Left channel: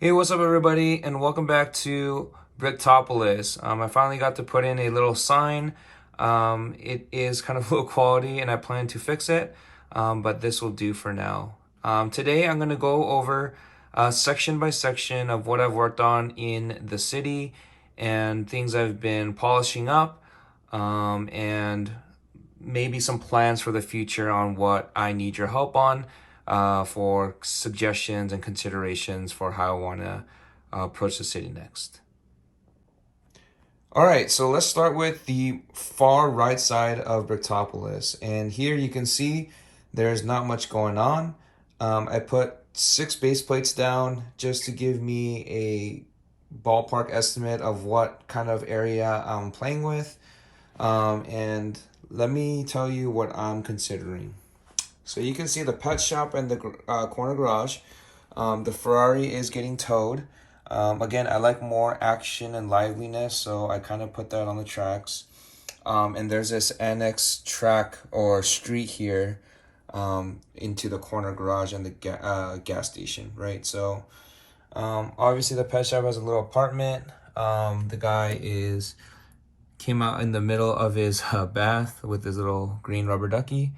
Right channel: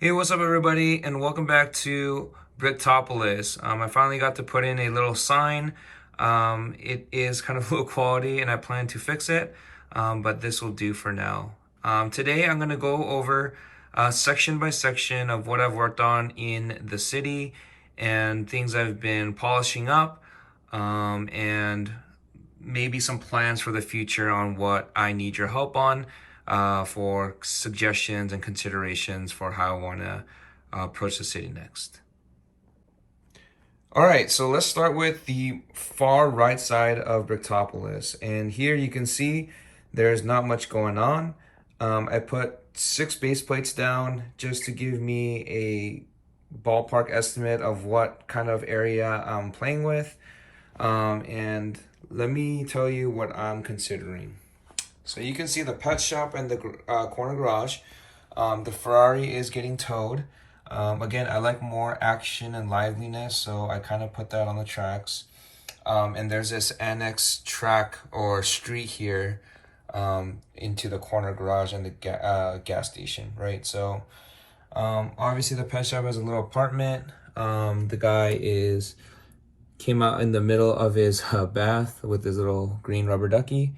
Hey, what's up, everybody, and welcome back to Bricktopolis. I finally got to put in a little sign. It is kind of low quality, and I plan to fix it, but this will do for now. Today, I'm going to go over section by section of what I've worked on in the city and things I've been polishing up, and maybe some plans for the future on what I need your help on for suggestions and considerations for how I want to approach the city next. All right, so let's start with the far right side of Bricktopolis. And here you can see there's not much going on. I put 6 base plates down just to give me a ballpark estimate of what kind of area I'm playing with. And let me tell you what I'm considering. So you can see the pet shop and the corner garage. The Ferrari is getting towed. Again, I like more action and liveliness, so I kind of put that on the tracks. And there's this annex track or street here into the corner garage and the gas station, right? So obviously the pet shop has a little apartment. The guy came out in the middle of his bath with his little green rubber ducky.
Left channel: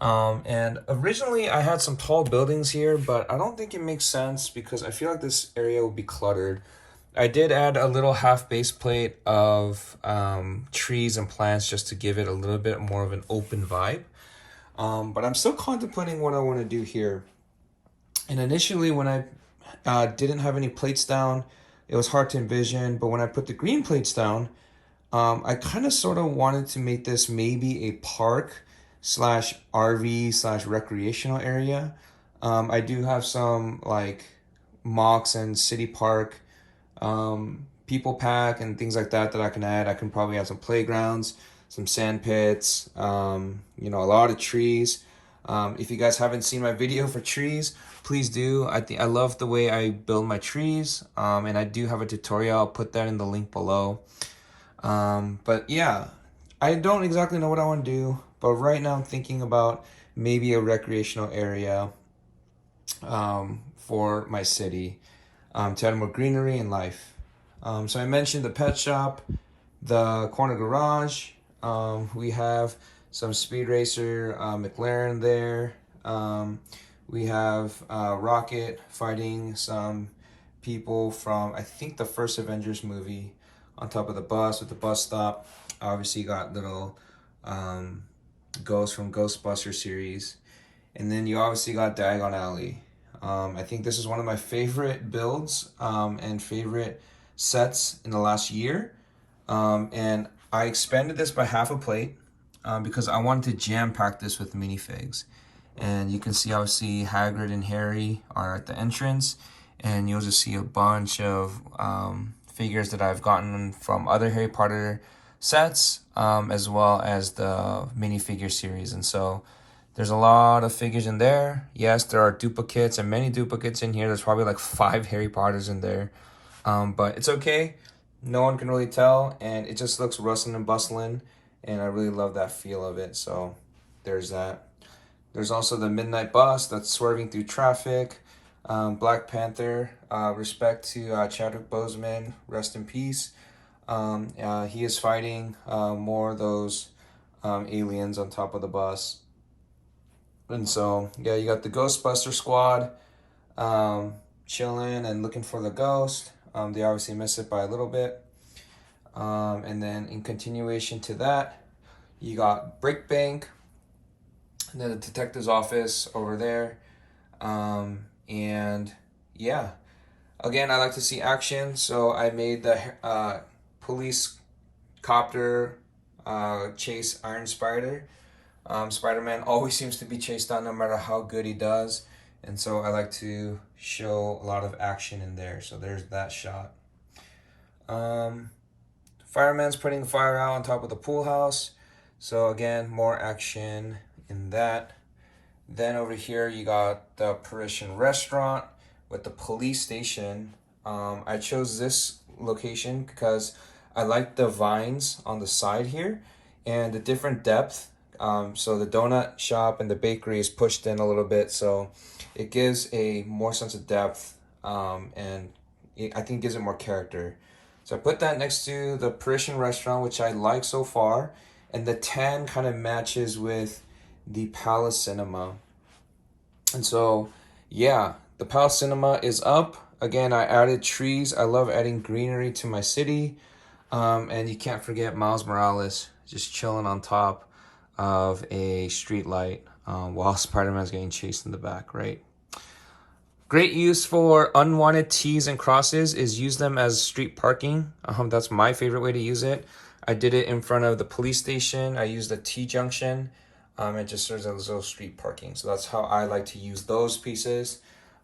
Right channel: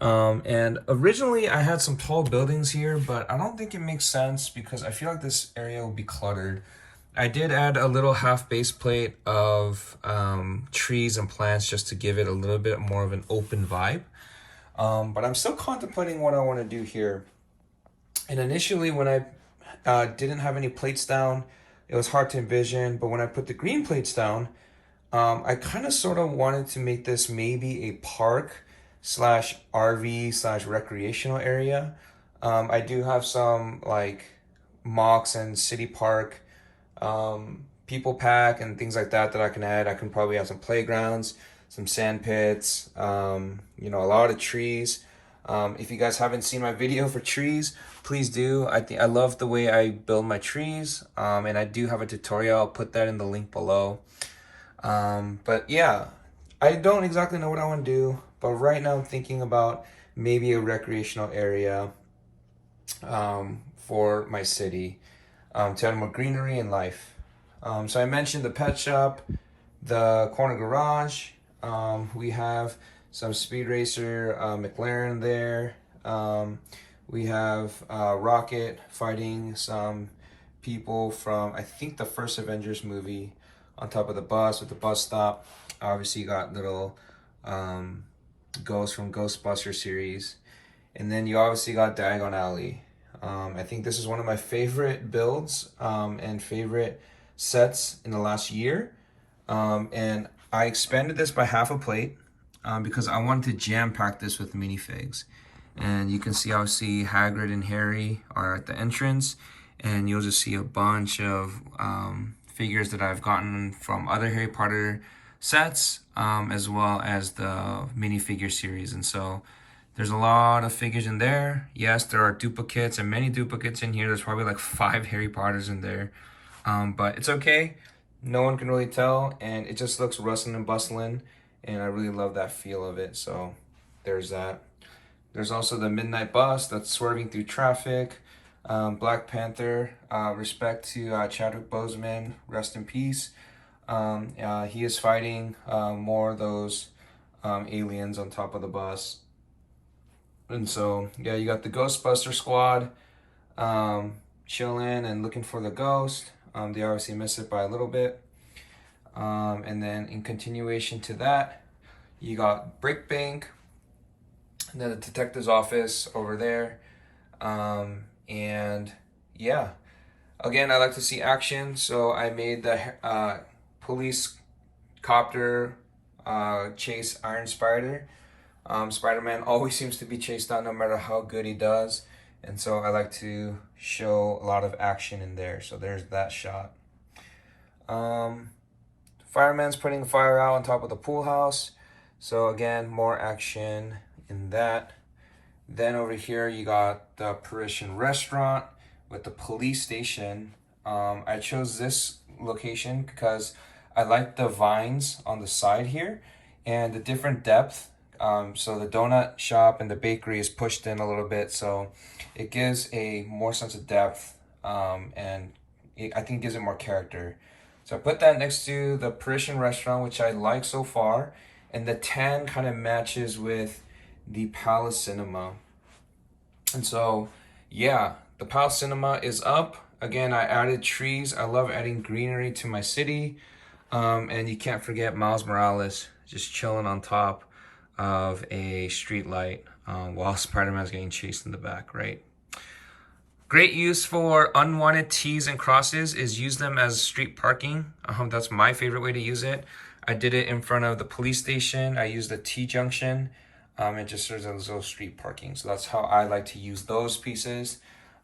And originally I had some tall buildings here, but I don't think it makes sense because I feel like this area will be cluttered. I did add a little half base plate of trees and plants just to give it a little bit more of an open vibe. But I'm still contemplating what I want to do here. And initially, when I didn't have any plates down, it was hard to envision. But when I put the green plates down, I kind of sort of wanted to make this maybe a park slash RV slash recreational area. I do have some like mocks and city park, people pack and things like that that I can add. I can probably have some playgrounds, some sand pits, a lot of trees. If you guys haven't seen my video for trees, please do. I love the way I build my trees, and I do have a tutorial. I'll put that in the link below. But yeah, I don't exactly know what I want to do, but right now I'm thinking about maybe a recreational area for my city to add more greenery and life. So I mentioned the pet shop, the corner garage. We have some speed racer McLaren there. We have Rocket fighting some people from, I think, the first Avengers movie on top of the bus with the bus stop. Obviously, you got little ghosts from Ghostbuster series. And then you obviously got Diagon Alley. I think this is one of my favorite builds and favorite sets in the last year. And I expanded this by half a plate because I wanted to jam pack this with minifigs. And you can see obviously Hagrid and Harry are at the entrance, and you'll just see a bunch of figures that I've gotten from other Harry Potter sets, as well as the minifigure series. And so there's a lot of figures in there. Yes, there are duplicates and many duplicates in here. There's probably like 5 Harry Potters in there. But it's okay. No one can really tell, and it just looks rustling and bustling, and I really love that feel of it. So there's that. There's also the midnight bus that's swerving through traffic. Black Panther, respect to Chadwick Boseman, rest in peace. He is fighting more of those aliens on top of the bus. And so, yeah, you got the Ghostbuster squad chilling and looking for the ghost. They obviously miss it by a little bit. And then in continuation to that, you got Brick Bank, and then the detective's office over there. And yeah, again, I like to see action, so I made the police copter chase Iron Spider. Spider-Man always seems to be chased down no matter how good he does, and so I like to show a lot of action in there. So there's that shot. Fireman's putting the fire out on top of the pool house, so again, more action in that. Then over here you got the Parisian restaurant with the police station. I chose this location because I like the vines on the side here and the different depth. So the donut shop and the bakery is pushed in a little bit, so it gives a more sense of depth and I think it gives it more character. So I put that next to the Parisian restaurant, which I like so far, and the tan kind of matches with the Palace Cinema. And so, yeah, the Palace Cinema is up. Again, I added trees. I love adding greenery to my city. And you can't forget Miles Morales just chilling on top of a street light while Spider-Man's getting chased in the back, right? Great use for unwanted T's and crosses is use them as street parking. That's my favorite way to use it. I did it in front of the police station. I used the T junction. It just serves as little street parking. So that's how I like to use those pieces.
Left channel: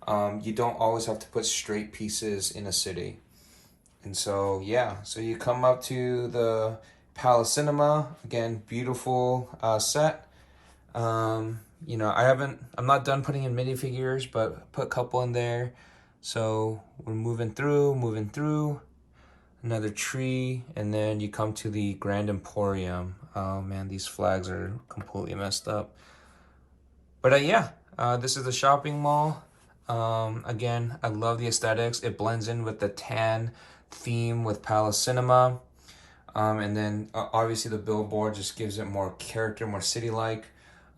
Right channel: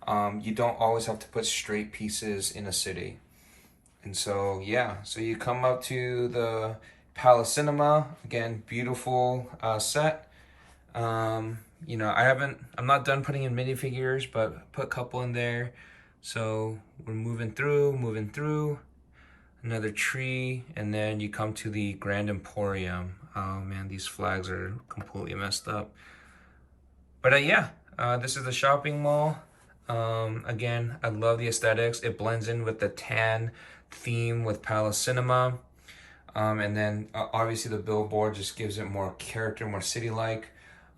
You don't always have to put straight pieces in a city. And so, yeah, so you come up to the Palace Cinema. Again, beautiful set. You know, I'm not done putting in minifigures, but put a couple in there. So we're moving through. Another tree, and then you come to the Grand Emporium. Oh man, these flags are completely messed up. But yeah, this is the shopping mall. Again, I love the aesthetics. It blends in with the tan theme with Palace Cinema. And then obviously the billboard just gives it more character, more city-like.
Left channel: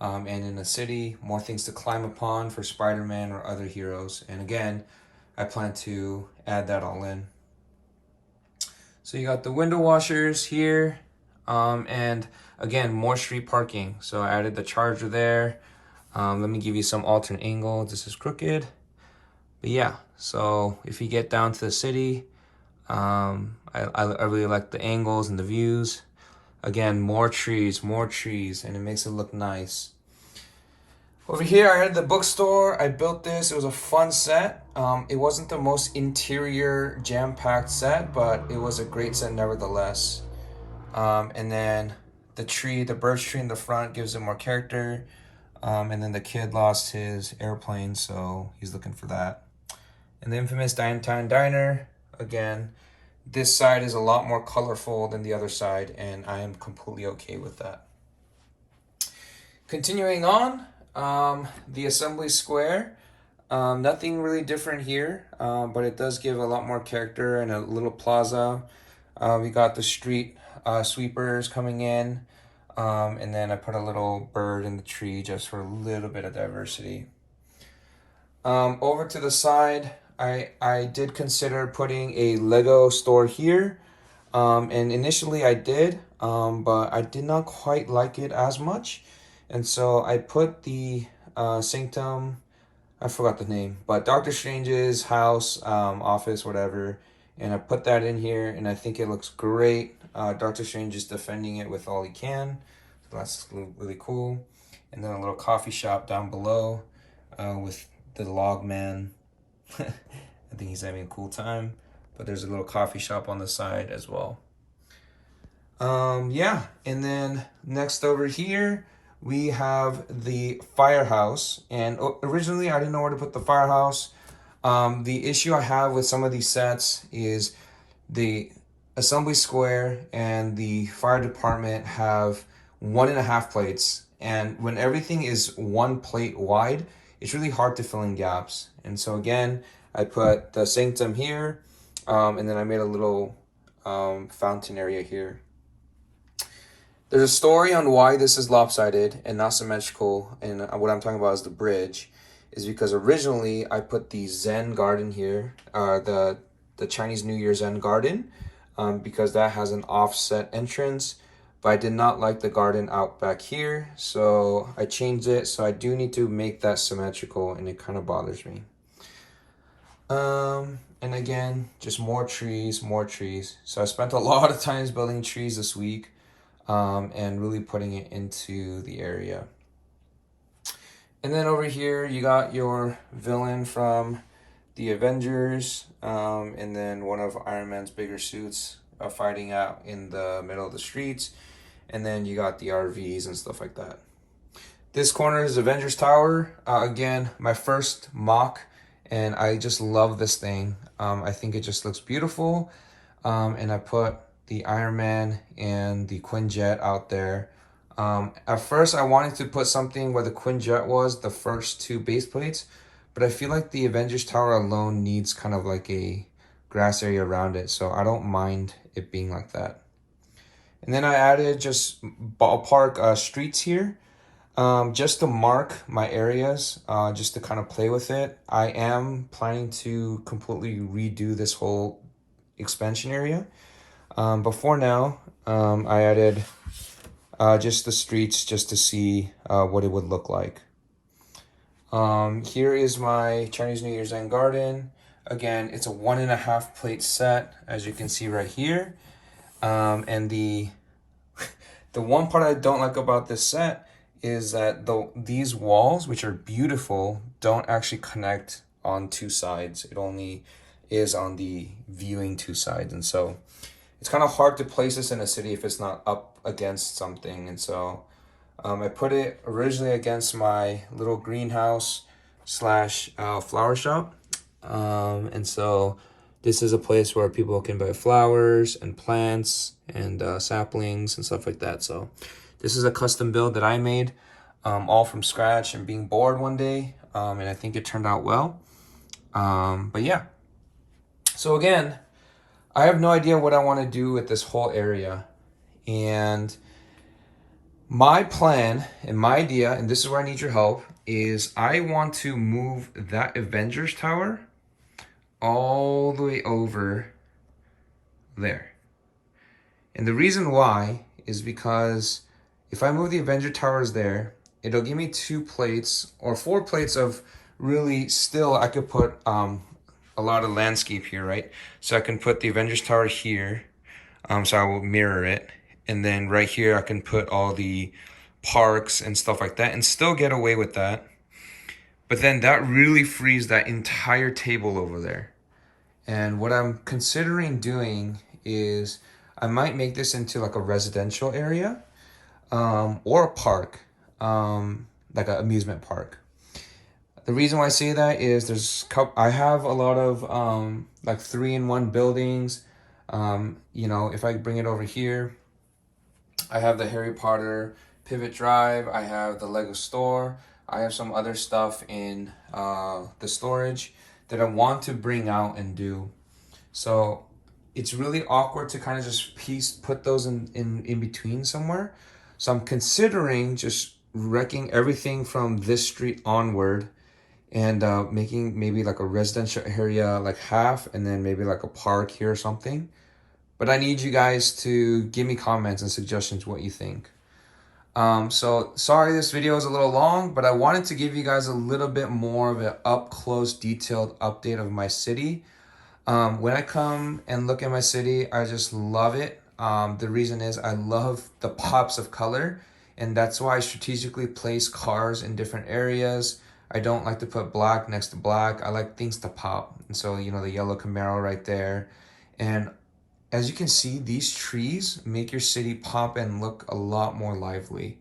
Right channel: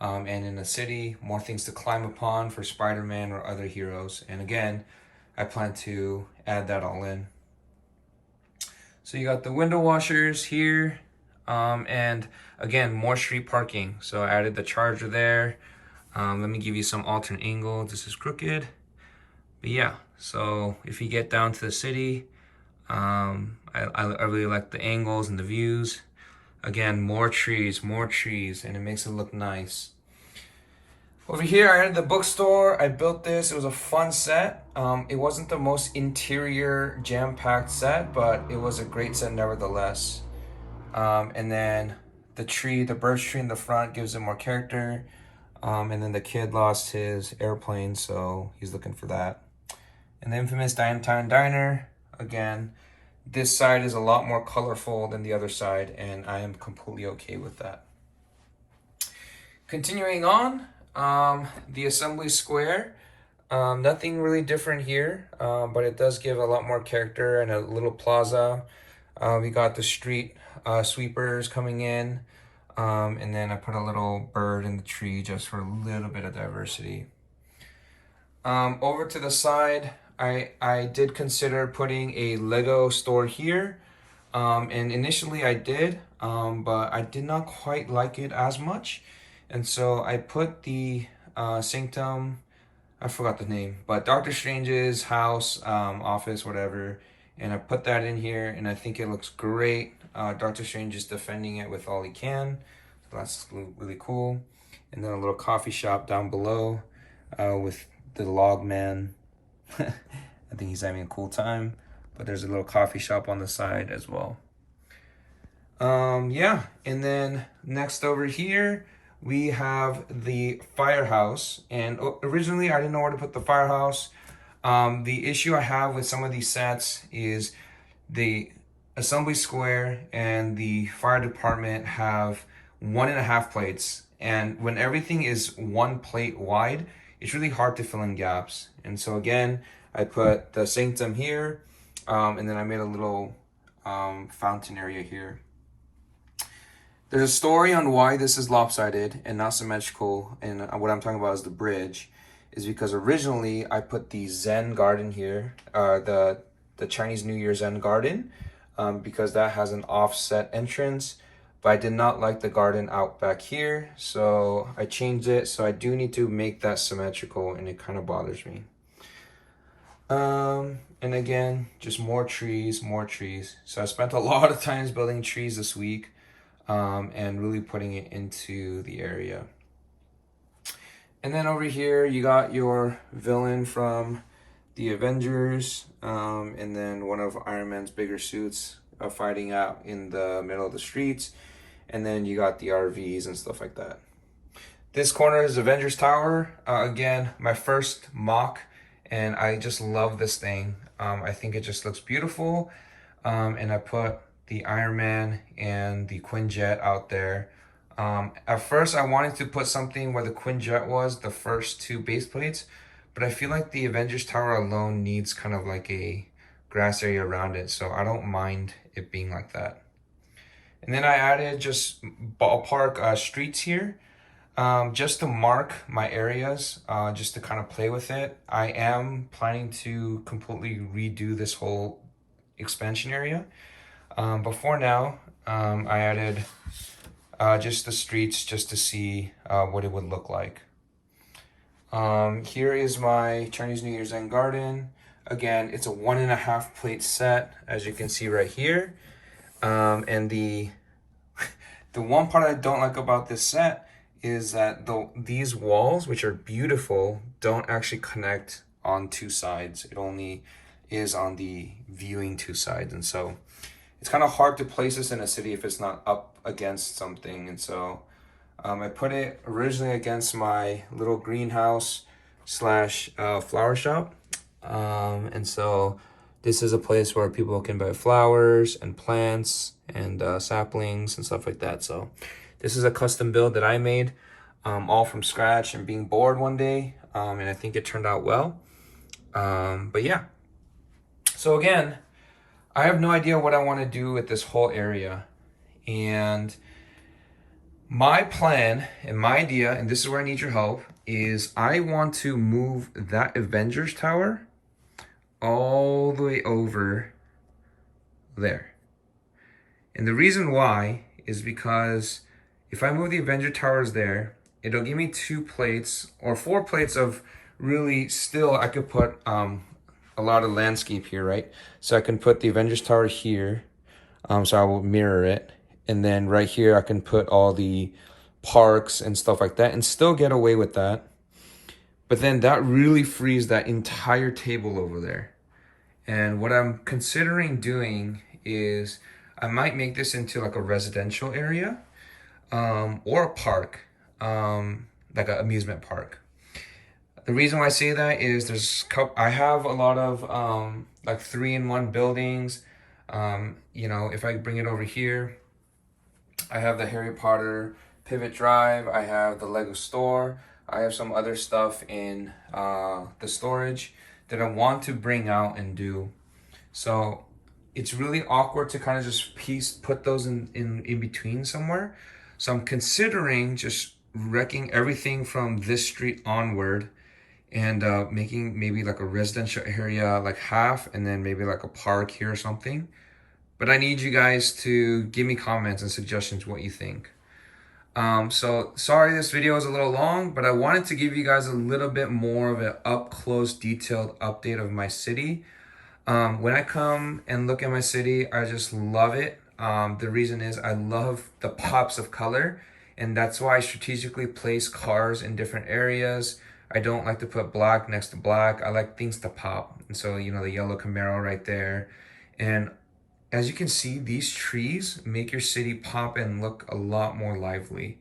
And in the city, more things to climb upon for Spider-Man or other heroes. And again, I plan to add that all in. So you got the window washers here. And again, more street parking. So I added the charger there. Let me give you some alternate angle. This is crooked. But yeah, so if you get down to the city, I really like the angles and the views. Again, more trees, and it makes it look nice. Over here, I had the bookstore. I built this. It was a fun set. It wasn't the most interior jam-packed set, but it was a great set nevertheless. And then the birch tree in the front gives it more character. And then the kid lost his airplane, so he's looking for that. And the infamous Downtown Diner. Again, this side is a lot more colorful than the other side, and I am completely okay with that. Continuing on, the Assembly Square. Nothing really different here, but it does give a lot more character and a little plaza. We got the street sweepers coming in, and then I put a little bird in the tree just for a little bit of diversity. Over to the side, I did consider putting a Lego store here, and initially I did, but I did not quite like it as much, and so I put the Sanctum, I forgot the name, but Doctor Strange's house, office, whatever, and I put that in here, and I think it looks great. Doctor Strange is defending it with all he can, so that's really cool. And then a little coffee shop down below with the log man. I think he's having a cool time, but there's a little coffee shop on the side as well. Yeah, and then next over here we have the Firehouse, and originally I didn't know where to put the Firehouse. The issue I have with some of these sets is the Assembly Square and the fire department have 1.5 plates, and when everything is 1 plate wide, it's really hard to fill in gaps. And so again, I put the Sanctum here, and then I made a little fountain area here. There's a story on why this is lopsided and not symmetrical, and what I'm talking about is the bridge, is because originally I put the Zen garden here, the Chinese New Year Zen garden, because that has an offset entrance, but I did not like the garden out back here, so I changed it. So I do need to make that symmetrical, and it kind of bothers me. And again, just more trees. So I spent a lot of times building trees this week, and really putting it into the area. And then over here, you got your villain from the Avengers, and then one of Iron Man's bigger suits fighting out in the middle of the streets. And then you got the RVs and stuff like that. This corner is Avengers Tower. Again, my first mock, and I just love this thing. I think it just looks beautiful. And I put the Iron Man and the Quinjet out there. At first, I wanted to put something where the Quinjet was, the first 2 base plates, but I feel like the Avengers Tower alone needs kind of like a grass area around it, so I don't mind it being like that. And then I added just ballpark streets here, just to mark my areas, just to kind of play with it. I am planning to completely redo this whole expansion area. But for now, I added just the streets just to see what it would look like. Here is my Chinese New Year's End garden. Again, it's a 1.5 plate set, as you can see right here. And the one part I don't like about this set is that these walls, which are beautiful, don't actually connect on two sides. It only is on the viewing two sides. And so it's kind of hard to place this in a city if it's not up against something. And so I put it originally against my little greenhouse slash flower shop. And so this is a place where people can buy flowers and plants and saplings and stuff like that. So this is a custom build that I made all from scratch and being bored one day. And I think it turned out well. But yeah. So again, I have no idea what I want to do with this whole area. And my plan and my idea, and this is where I need your help, is I want to move that Avengers Tower all the way over there. And the reason why is because if I move the Avenger Towers there, it'll give me 2 plates or 4 plates of really still, I could put a lot of landscape here, right? So I can put the Avengers Tower here, so I will mirror it. And then right here, I can put all the parks and stuff like that and still get away with that. But then that really frees that entire table over there. And what I'm considering doing is I might make this into like a residential area or a park, like an amusement park. The reason why I say that is I have a lot of like 3-in-1 buildings. You know, if I bring it over here, I have the Harry Potter Pivot Drive. I have the Lego store. I have some other stuff in the storage that I want to bring out and do. So it's really awkward to kind of just put those in between somewhere. So I'm considering just wrecking everything from this street onward and making maybe like a residential area like half and then maybe like a park here or something. But I need you guys to give me comments and suggestions what you think. So sorry this video is a little long, but I wanted to give you guys a little bit more of an up-close detailed update of my city. When I come and look at my city, I just love it. The reason is I love the pops of color, and that's why I strategically place cars in different areas. I don't like to put black next to black. I like things to pop. And so, you know, the yellow Camaro right there. And as you can see, these trees make your city pop and look a lot more lively.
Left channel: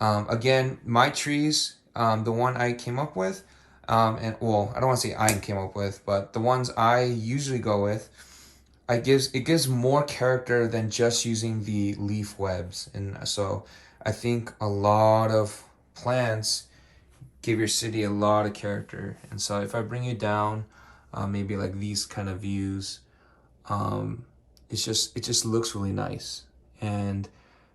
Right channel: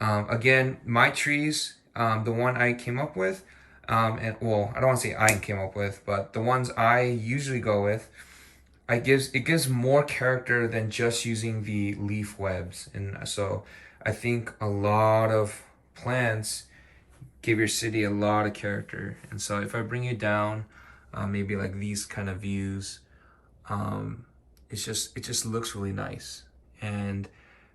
Again, my trees, the one I came up with, and well, I don't want to say I came up with, but the ones I usually go with, it gives more character than just using the leaf webs. And so I think a lot of plants give your city a lot of character. And so if I bring it down, maybe like these kind of views, it just looks really nice. And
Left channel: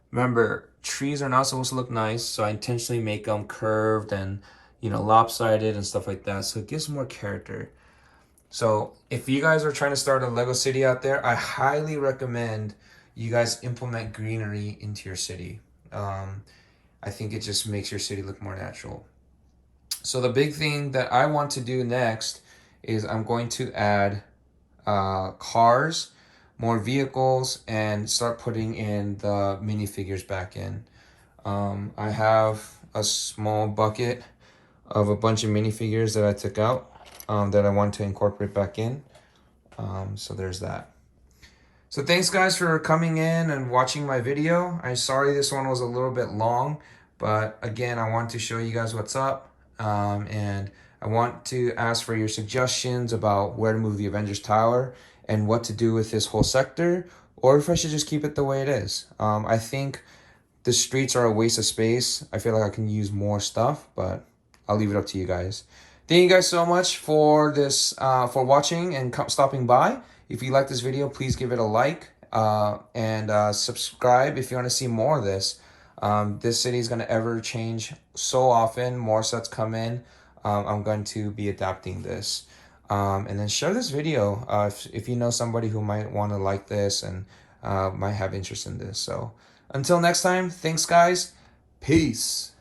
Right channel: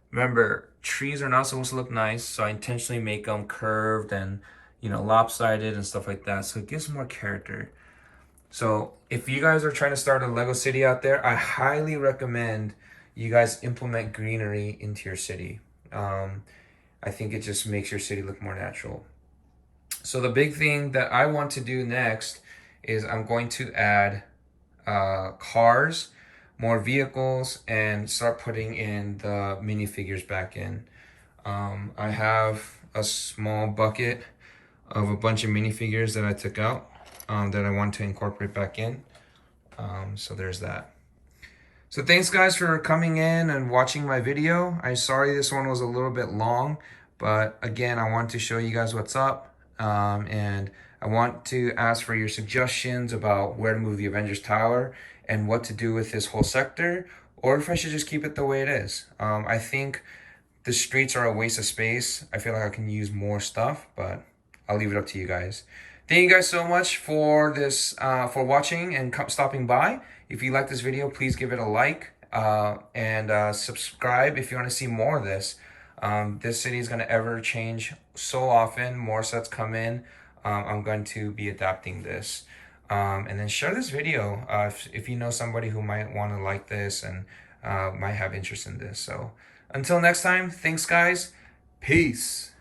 remember, trees are not supposed to look nice, so I intentionally make them curved and, you know, lopsided and stuff like that, so it gives more character. So if you guys are trying to start a Lego city out there, I highly recommend you guys implement greenery into your city. I think it just makes your city look more natural. So the big thing that I want to do next is I'm going to add cars, more vehicles, and start putting in the minifigures back in. I have a small bucket of a bunch of minifigures that I took out that I want to incorporate back in. So there's that. So thanks guys for coming in and watching my video. I'm sorry this one was a little bit long, but again, I want to show you guys what's up. And I want to ask for your suggestions about where to move the Avengers Tower and what to do with this whole sector, or if I should just keep it the way it is. I think the streets are a waste of space. I feel like I can use more stuff, but I'll leave it up to you guys. Thank you guys so much for this, for watching and stopping by. If you like this video, please give it a like and subscribe if you want to see more of this. This city is going to ever change so often. More sets come in. I'm going to be adapting this. And then share this video if you know somebody who might want to like this and might have interest in this. So until next time, thanks guys. Peace.